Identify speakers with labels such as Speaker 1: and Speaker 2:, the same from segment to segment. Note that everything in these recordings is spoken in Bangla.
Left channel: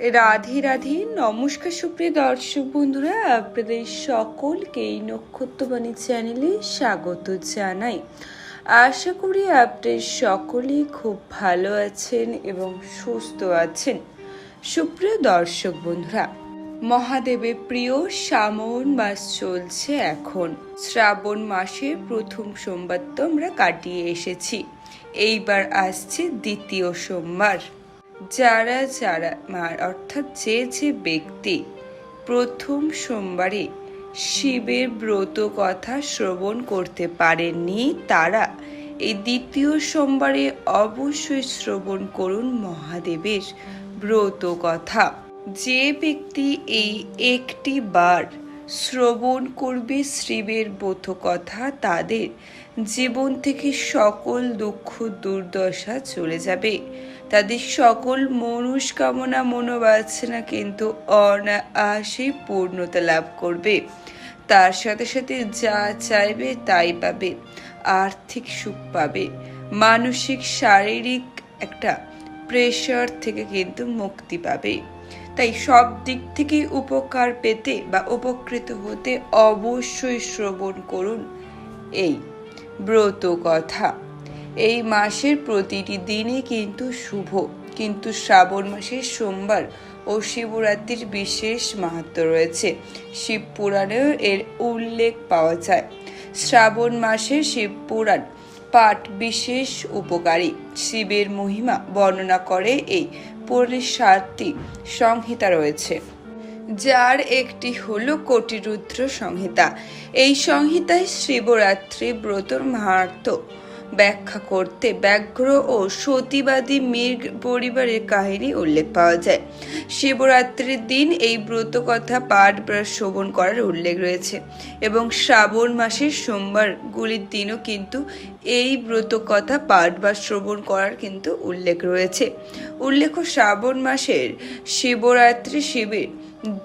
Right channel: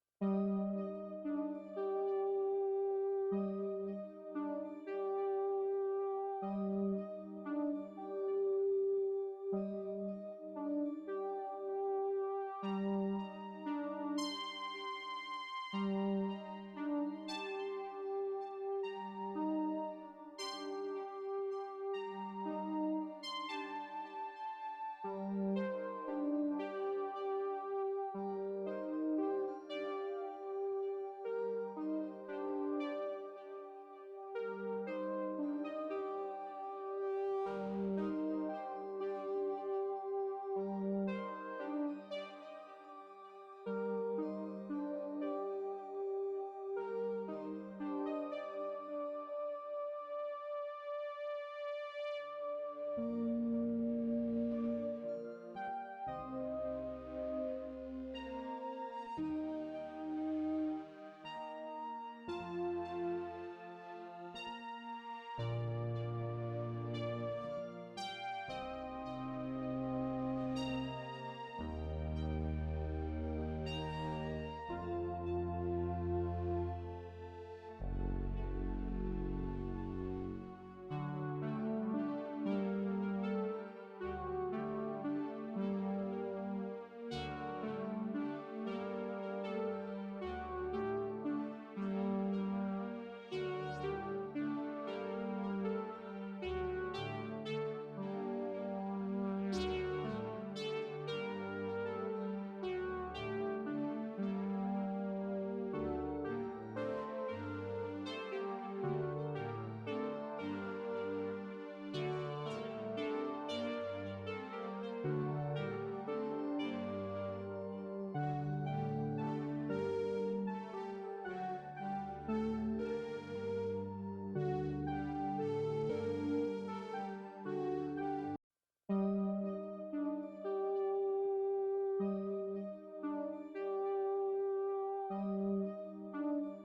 Speaker 1: রাধে রাধে, নমস্কার সুপ্রিয় দর্শক বন্ধুরা, আপনাদের সকলকে এই নক্ষত্রবাণী চ্যানেলে স্বাগত জানাই। আশা করি আপনাদের সকলেই খুব ভালো আছেন এবং সুস্থ আছেন। সুপ্রিয় দর্শক বন্ধুরা, মহাদেবের প্রিয় শ্রাবণ মাস চলছে এখন। শ্রাবণ মাসের প্রথম সোমবার তো আমরা কাটিয়ে এসেছি। এইবার আসছে দ্বিতীয় সোমবার। যারা যারা মার, অর্থাৎ যে যে ব্যক্তি প্রথম সোমবারে শিবের ব্রত কথা শ্রবণ করতে পারেননি, তারা এই দ্বিতীয় সোমবারে অবশ্যই শ্রবণ করুন মহাদেবের ব্রত কথা। যে ব্যক্তি এই একটি বার শ্রবণ করবে শিবের ব্রত কথা, তাদের জীবন থেকে সকল দুঃখ দুর্দশা চলে যাবে। তাদের সকল মনুষ্কামনা মনোবাসনা কিন্তু অনায়াসে পূর্ণতা লাভ করবে। তার সাথে সাথে যা চাইবে তাই পাবে, আর্থিক সুখ পাবে। মানসিক, শারীরিক একটা প্রেশার থেকে কিন্তু মুক্তি পাবে। তাই সব দিক থেকেই উপকার পেতে বা উপকৃত হতে অবশ্যই শ্রবণ করুন। এই ব্রত কথা। এই মাসের প্রতিটি দিনই কিন্তু শুভ। কিন্তু শ্রাবণ মাসের সোমবার ও শিবরাত্রির বিশেষ মাহাত্ম রয়েছে। শিব পুরাণেও এর উল্লেখ পাওয়া যায়। শ্রাবণ মাসে শিব পুরাণ পাঠ বিশেষ উপকারী। শিবের মহিমা বর্ণনা করে এই পুরাণের সাতটি সংহিতা রয়েছে। যার একটি হল কোটিরুদ্র সংহিতা। এই সংহিতায় শিবরাত্রি ব্রতর মাহাত্ম ব্যাখ্যা করতে ব্যাঘ্র ও সতীবাদী মীর পরিবারের কাহিনী উল্লেখ পাওয়া যায়। শিবরাত্রির দিন এই ব্রত কথা পাঠ বা শ্রবণ করার উল্লেখ রয়েছে এবং শ্রাবণ মাসের সোমবারগুলির দিনও কিন্তু এই ব্রত কথা পাঠ বা শ্রবণ করার কিন্তু উল্লেখ রয়েছে। উল্লেখ্য, শ্রাবণ মাসের শিবরাত্রি শিবির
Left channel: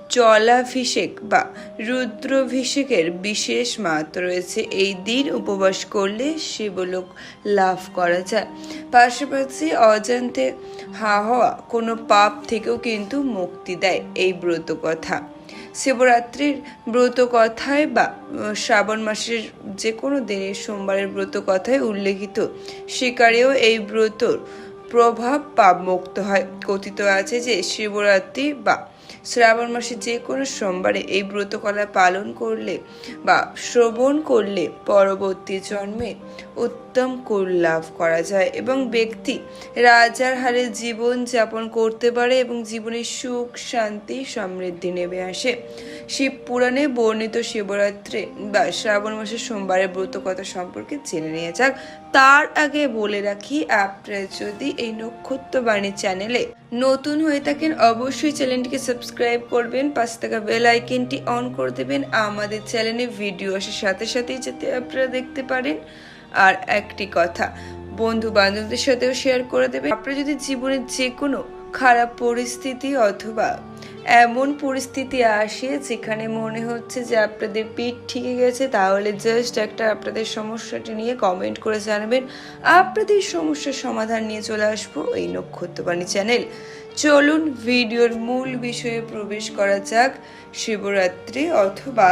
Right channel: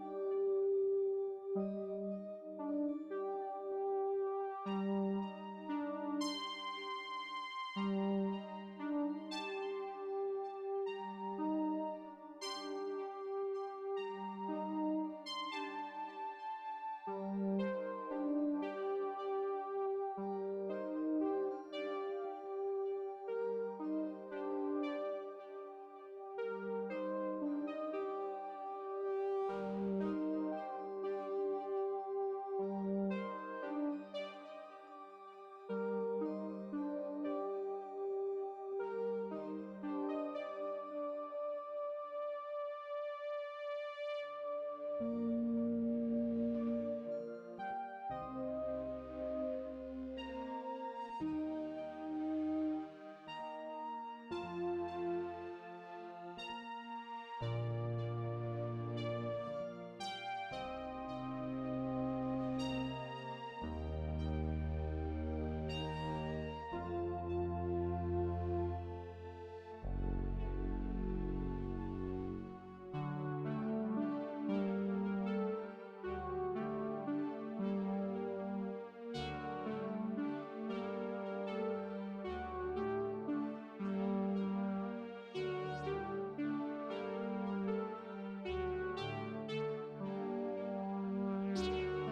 Speaker 1: জলাভিষেক বা রুদ্রাভিষেকের বিশেষ মাত্র রয়েছে। এই দিন উপবাস করলে শিবলোক লাভ করা যায়। পাশাপাশি অজান্তে হা হওয়া কোনো পাপ থেকেও কিন্তু মুক্তি দেয় এই ব্রত কথা। শিবরাত্রির ব্রত কথায় বা শ্রাবণ মাসের যে কোনো দিনের সোমবারের ব্রত কথায় উল্লেখিত। শিকারেও এই ব্রতর প্রভাব পাপ মুক্ত হয়। কথিত আছে যে শিবরাত্রি বা শ্রাবণ মাসে যে কোনো সোমবারে এই ব্রতকলা পালন করলে বা শ্রবণ করলে পরবর্তী জন্মে উত্তম কুল লাভ করা যায় এবং ব্যক্তি রাজার হারে জীবন যাপন করতে পারে এবং জীবনে সুখ, শান্তি, সমৃদ্ধি নেমে আসে। শিব পুরাণে বর্ণিত শিবরাত্রি বা শ্রাবণ মাসের সোমবারের ব্রত কথা সম্পর্কে জেনে নিয়ে যাক। তার আগে বলে রাখি, আপনারা যদি এই নক্ষত্রবাণী চ্যানেলে নতুন হয়ে থাকেন, অবশ্যই চ্যানেলটিকে সাবস্ক্রাইব করবেন পাঁচ টাকা বেল আইকনটি অন করে দেবেন। আমাদের চ্যানেলে ভিডিও আসার সাথে সাথেই যাতে আপনারা দেখতে পারেন। আর একটি কথা বন্ধু বান্ধবদের সাথেও শেয়ার করে দেবেন। আপনারা যদি জীবনের যে কোনো খারাপ পরিস্থিতি অথবা এমন পরিস্থিতি আসে যেখানে মনে হচ্ছে যে আপনাদের পেট ঠিকে গেছে, তাহলে জাস্ট একটা আপনাদের সমস্যাটি নিয়ে কমেন্ট করে জানাবেন। আপনাদের সমস্যার সমাধান নিয়ে চলে আসব এই নক্ষত্রবাণী চ্যানেল চলুন ভিডিওর মূল বিষয়ে প্রবেশ করা যাক। শিবরাত্রি অথবা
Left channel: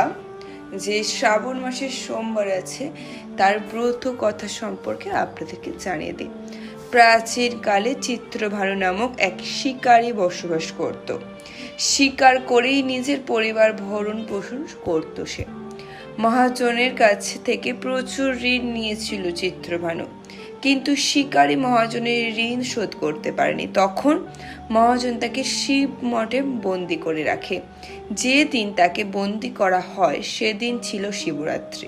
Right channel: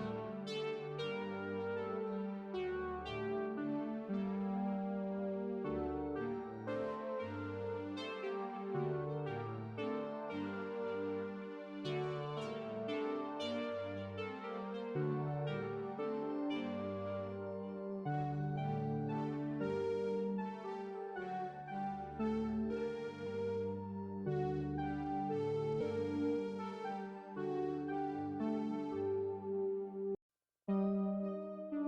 Speaker 1: যে শ্রাবণ মাসের সোমবার আছে, তার ব্রত কথা সম্পর্কে আপনাদেরকে জানিয়ে দিই। প্রাচীন কালে চিত্রভানু নামক এক শিকারী বসবাস করত। শিকার করেই নিজের পরিবার ভরণ পোষণ করত সে। মহাজনের কাছে থেকে প্রচুর ঋণ নিয়েছিল চিত্রভানু। কিন্তু শিকারী মহাজনের ঋণ শোধ করতে পারেনি। তখন মহাজন তাকে শিব মঠে বন্দি করে রাখে। যে দিন তাকে বন্দি করা হয়, সেদিন ছিল শিবরাত্রি।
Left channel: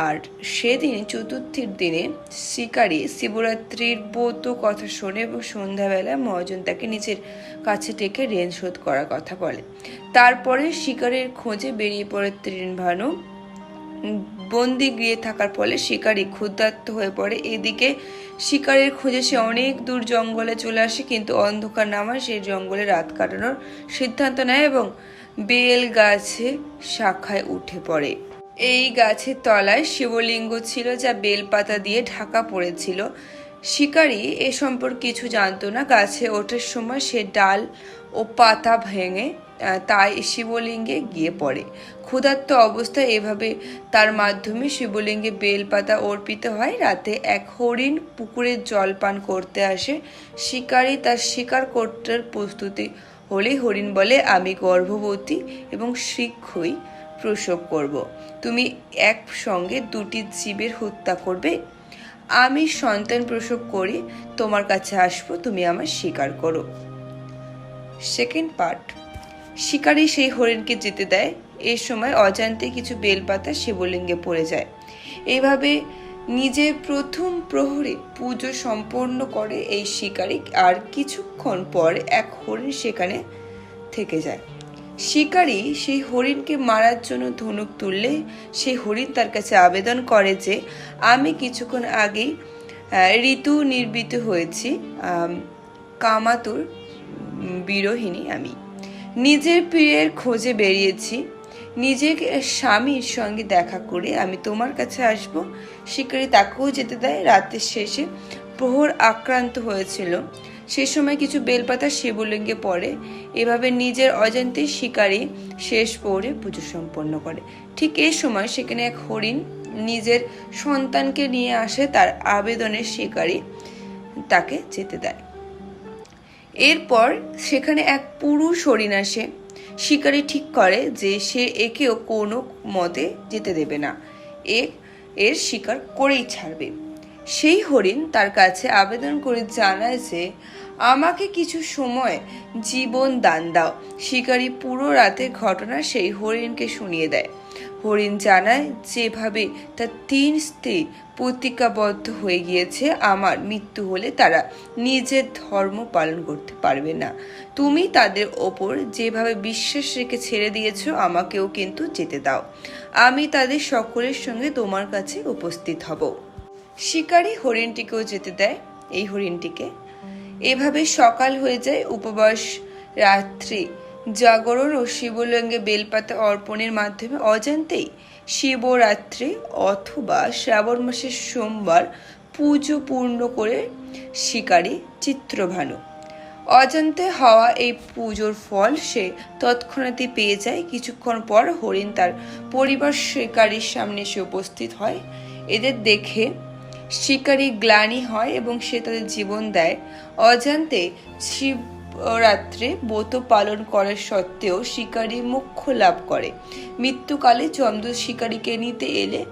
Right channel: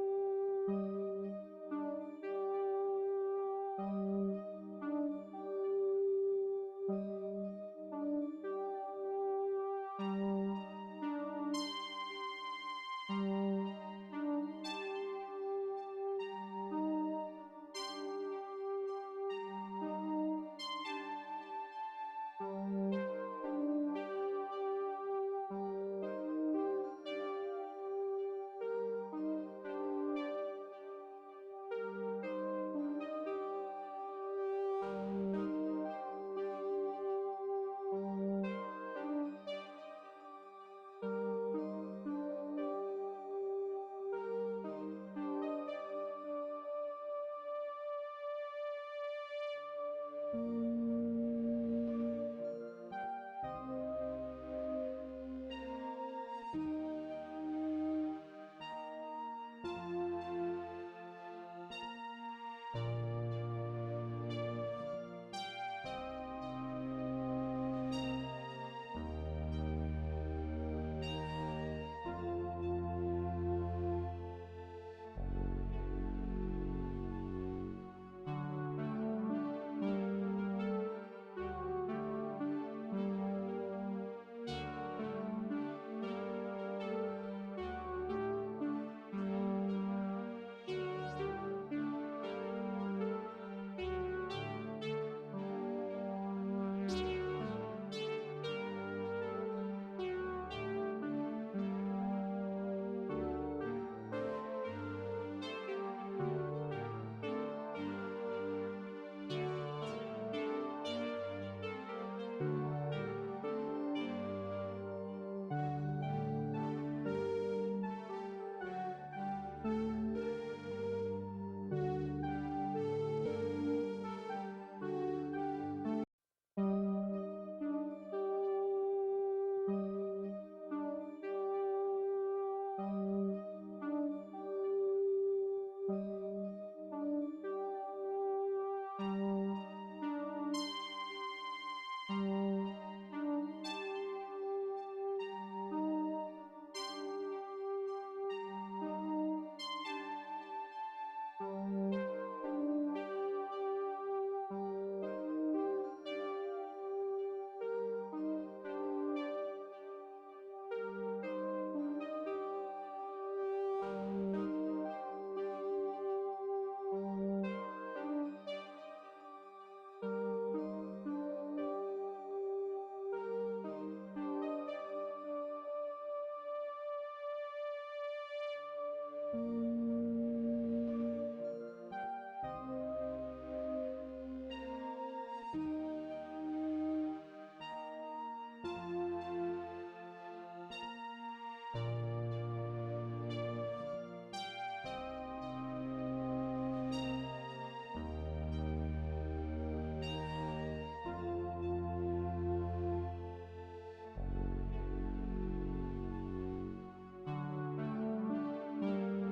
Speaker 1: আর সেদিন চতুর্থীর দিনে শিকারী শিবরাত্রির ব্রত কথা শোনে এবং সন্ধ্যাবেলা মহাজন তাকে নিজের কাছে ডেকে ঋণ শোধ করার কথা বলে। তারপরে শিকারের খোঁজে বেরিয়ে পড়ে তৃণভানু বন্দি গিয়ে থাকার ফলে শিকারী ক্ষুধার্ত হয়ে পড়ে। এদিকে শিকারের খোঁজে সে অনেক দূর জঙ্গলে চলে আসে, কিন্তু অন্ধকার নামায় সেই জঙ্গলে রাত কাটানোর সিদ্ধান্ত নেয় এবং বেল গাছে শাখায় উঠে পড়ে। এই গাছের তলায় শিবলিঙ্গ ছিল যা বেলপাতা দিয়ে ঢাকা পড়েছিল। শিকারি এ সম্পর্কে কিছু জানতো না। গাছে ওঠার সময় সে ডাল ও পাতা ভেঙে তাই শিবলিঙ্গে গিয়ে পড়ে। ক্ষুধার্ত অবস্থায় এভাবে তার মাধ্যমে শিবলিঙ্গে বেলপাতা অর্পিত হয়। রাতে এক হরিণ পুকুরে জল পান করতে আসে। শিকারি তার শিকার করতে প্রস্তুতি হলে হরিণ বলে, আমি গর্ভবতী এবং শীঘ্রই প্রসব করব। তুমি একসঙ্গে দুটি জীবের হত্যা করবে। আমি সন্তান প্রসব করে, তোমার কাছে আসব, তুমি আমার স্বীকার করো। Second part. শিকারী সেই হরিণকে যেতে দেয়। এই সময় অজান্তে কিছু বেলপাতা শিবলিঙ্গে পড়ে যায়। এইভাবে নিজের প্রথম প্রহরে পুজো সম্পন্ন করে এই শিকারী, আর কিছুক্ষণ পর এক হরিণ সেখানে থেকে যায়। শিকারী সেই হরিণকে মারার জন্য ধনুক তুললে সেই হরিণ তার কাছে আবেদন করে যে, আমি কিছুক্ষণ আগেই ঋতু নির্বিত হয়েছি কামাতুর বিরোহিনী আমি। নিজের প্রিয়ের খোঁজে বেরিয়েছি। নিজের স্বামীর সঙ্গে দেখা করে আমি তোমার কাছে আসব। শিকারি তাকেও যেতে দেয়। রাতের শেষে প্রহর আক্রান্ত হয়েছিল। সে সময় কিছু বেলপাতা শিবলিঙ্গে পড়ে। এভাবে নিজের অজান্তে শিকারী শেষ প্রহরে পুজো সম্পন্ন করে। ঠিক এই সময় সেখানে এক হরিণ নিজের সন্তানকে নিয়ে আসে, তার আবেদনের শিকারী তাকে যেতে দেয়। এরপর সেখানে এক পুরুষ হরিণ আসে। শিকারী ঠিক করে যে সে একেও কোনো মতে যেতে দেবে না। এ, এর শিকার করেই ছাড়বে। সেই হরিণ তার কাছে আবেদন করে জানায় যে, আমাকে কিছু সময় জীবন দান দাও। শিকারী পুরো রাতের ঘটনা সেই হরিণকে শুনিয়ে দেয়। হরিণ জানায়, যেভাবে তার তিন স্ত্রী প্রতিজ্ঞাবদ্ধ হয়ে গিয়েছে, আমার মৃত্যু হলে তারা নিজের ধর্ম পালন করতে পারবে না। তুমি তাদের ওপর যেভাবে বিশ্বাস রেখে ছেড়ে দিয়েছ, আমাকেও কিন্তু যেতে দাও। আমি তাদের সকলের সঙ্গে তোমার কাছে উপস্থিত হব। শিকারী হরিণটিকেও যেতে দেয় এই হরিণটিকে। এভাবে সকাল হয়ে যায় উপবাস রাত্রি। জাগরণ ও শিবলিঙ্গে বেলপাতা অর্পণের মাধ্যমে অজান্তেই শিবরাত্রি অথবা শ্রাবণ মাসের সোমবার পুজো পূর্ণ করে শিকারী চিত্রভানু। অজান্তে হওয়া এই পুজোর ফল সে তৎক্ষণাৎই পেয়ে যায়। কিছুক্ষণ পর হরিণ তার পরিবার শিকারীর সামনে এসে উপস্থিত হয়। এদের দেখে শিকারী গ্লানি হয় এবং সে তাদের জীবন দেয়। অজান্তে শিবরাত্রে ব্রত পালন করার সত্ত্বেও শিকারী মুখ্য লাভ করে। মৃত্যুকালে চন্দ্র শিকারীকে নিতে এলে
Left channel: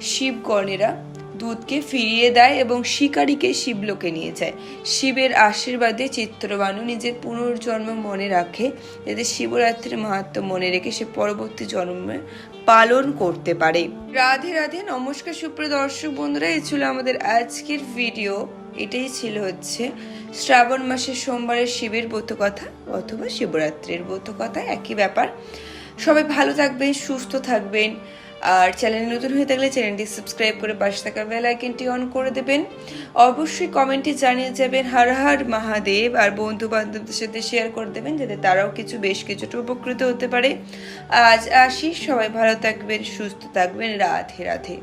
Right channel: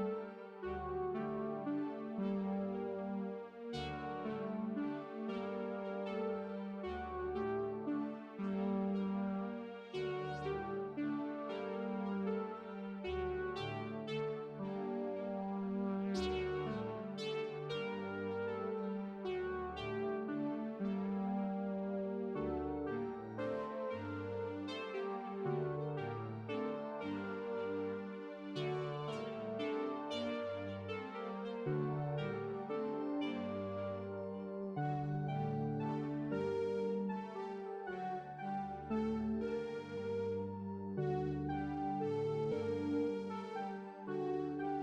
Speaker 1: শিবগণেরা দুধকে ফিরিয়ে দেয় এবং শিকারীকে শিবলোকে নিয়ে যায়। শিবের আশীর্বাদে চিত্রবানু নিজের পুনর্জন্ম মনে রাখে, যাতে শিবরাত্রির মাহাত্ম মনে রেখে সে পরবর্তী জন্মে পালন করতে পারে। রাধে রাধে, নমস্কার সুপ্রিয় দর্শক বন্ধুরা, এই ছিল আমাদের আজকের ভিডিও। এটাই ছিল হচ্ছে শ্রাবণ মাসের সোমবারের শিবের কথা অথবা শিবরাত্রির ব্রত কথা, একই ব্যাপার। সবাই ভালো থাকবেন, সুস্থ থাকবেন। আর চ্যানেল নতুন হয়ে থাকলে চ্যানেলটি সাবস্ক্রাইব করে পাশে থাকা বেল আইকনটি অন করে দেবেন। অবশ্যই কমেন্টে জানিয়ে যাবেন হর হর মহাদেব আর বন্ধু বান্ধবদের সাথে শেয়ার করে দেবেন, যাতে তারাও কিছু, বেশ কিছুটা উপকৃত হতে পারে। আজ আসি, সবাই ভালো থাকবেন, সুস্থ থাকবেন, রাধে রাধে।